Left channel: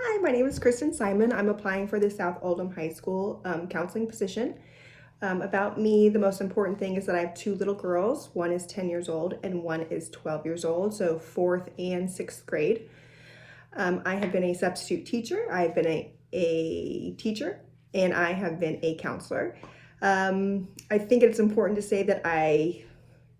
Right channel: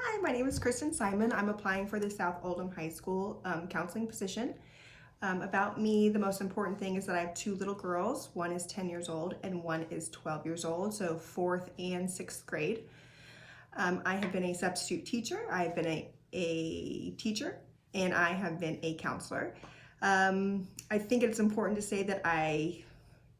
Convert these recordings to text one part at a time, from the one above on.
Hi, my name is Kristen Simon. I'm applying for the South Oldham High School counseling position. About me, the most important thing is that I have two little girls. One is 10 years old and one is 12 years old, so fourth and sixth grade. I have been a substitute teacher, I've been a teacher, and I have been a counselor. I think it's important to say that I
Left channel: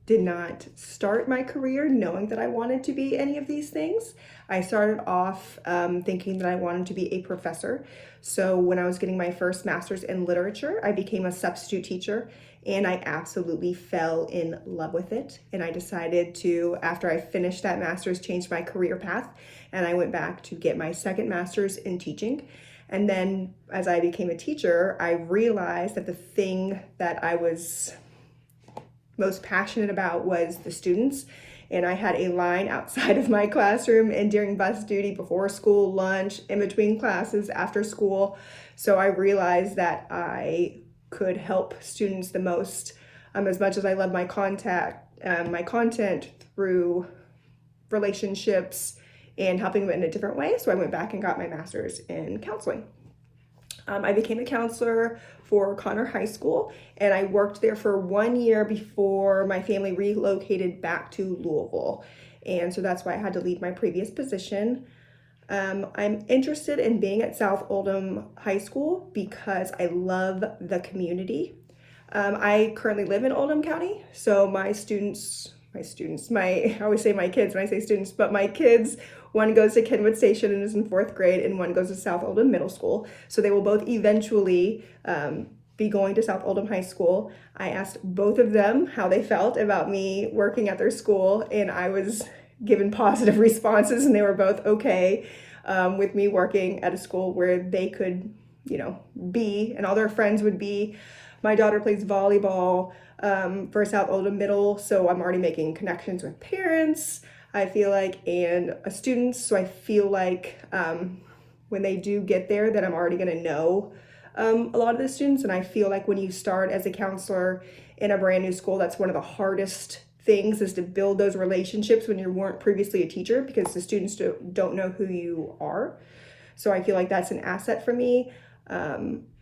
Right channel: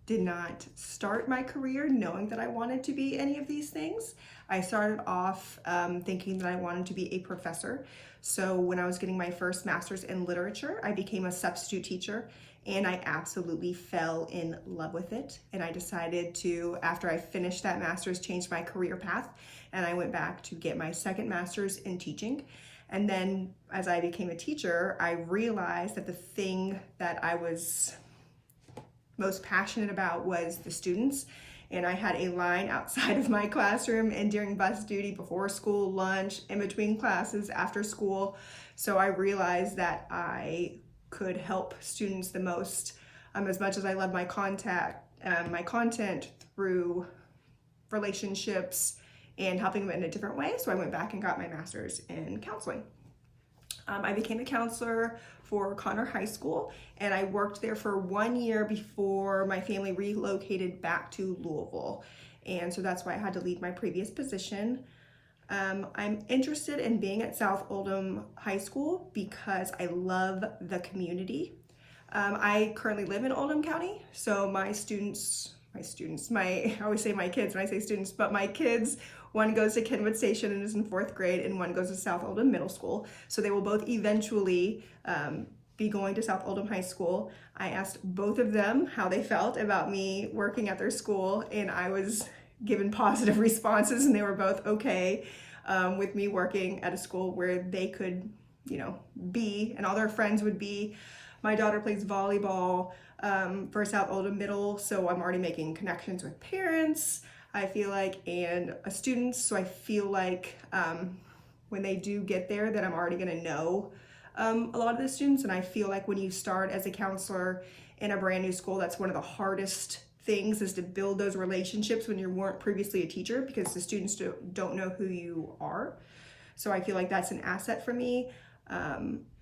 did not start my career knowing that I wanted to be any of these things. I started off thinking that I wanted to be a professor. So when I was getting my first master's in literature, I became a substitute teacher and I absolutely fell in love with it. And I decided to, after I finished that master's, change my career path. And I went back to get my second master's in teaching. And then as I became a teacher, I realized that the thing that I was most passionate about was the students. And I had a line outside of my classroom and during bus duty, before school, lunch, in between classes, after school. So I realized that I could help students the most, as much as I love my content through relationships and helping them in a different way. So I went back and got my master's in counseling. I became a counselor for Connor High School, and I worked there for 1 year before my family relocated back to Louisville. And so that's why I had to leave my previous position. I'm interested in being at South Oldham High School because I love the community. I currently live in Oldham County, so I always say my kids when I say students, but my kids, one goes to Kenwood Station and is in fourth grade, and one goes to South Oldham Middle School. So they will both eventually be going to South Oldham High School. I asked both of them how they felt about me working at their school, and I was given positive responses, and they were both okay with me working at a school where they could, be, and all their friends would be. My daughter plays volleyball for South Oldham Middle, so I'm already making connections with parents, I feel like, and students. So I feel like when they do get there that I'm already gonna know a lot of the students. And I feel like when you start as a counselor in a brand new school, that's one of the hardest things, is to build those relationships when you weren't previously a teacher, because the students don't know who you are. So I feel like that's an asset for me.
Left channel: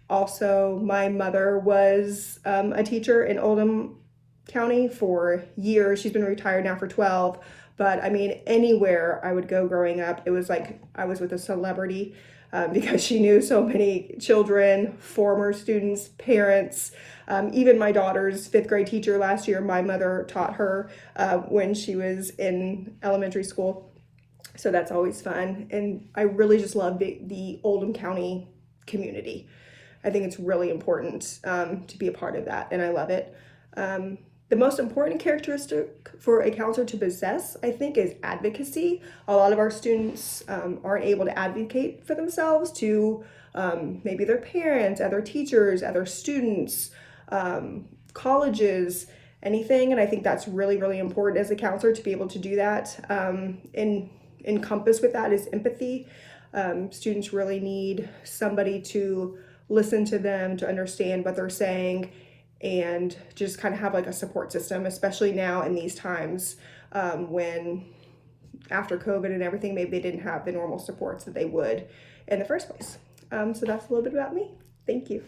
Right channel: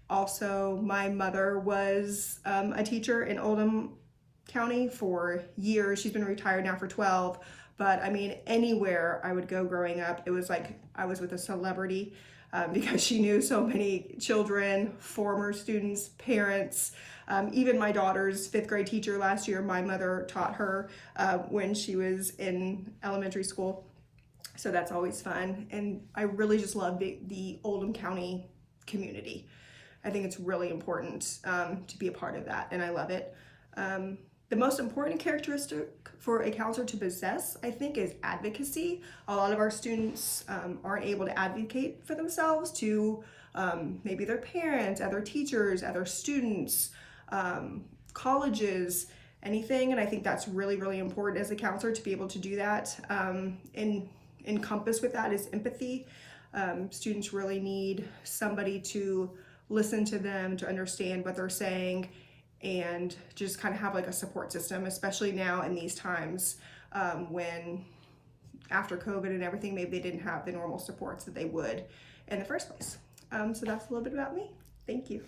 Also, my mother was a teacher in Oldham County for years. She's been retired now for 12. But I mean, anywhere I would go growing up, it was like I was with a celebrity because she knew so many children, former students, parents. Even my daughter's fifth grade teacher last year, my mother taught her when she was in elementary school. So that's always fun. And I really just love the Oldham County community. I think it's really important to be a part of that, and I love it. The most important characteristic for a counselor to possess, I think, is advocacy. A lot of our students aren't able to advocate for themselves to maybe their parents, other teachers, other students, colleges, anything. And I think that's really, really important as a counselor to be able to do that. And encompassed with that is empathy. Students really need somebody to listen to them, to understand what they're saying, and just kind of have like a support system, especially now in these times when after COVID and everything, maybe they didn't have the normal supports that they would in the first place. So that's a little bit about me. Thank you.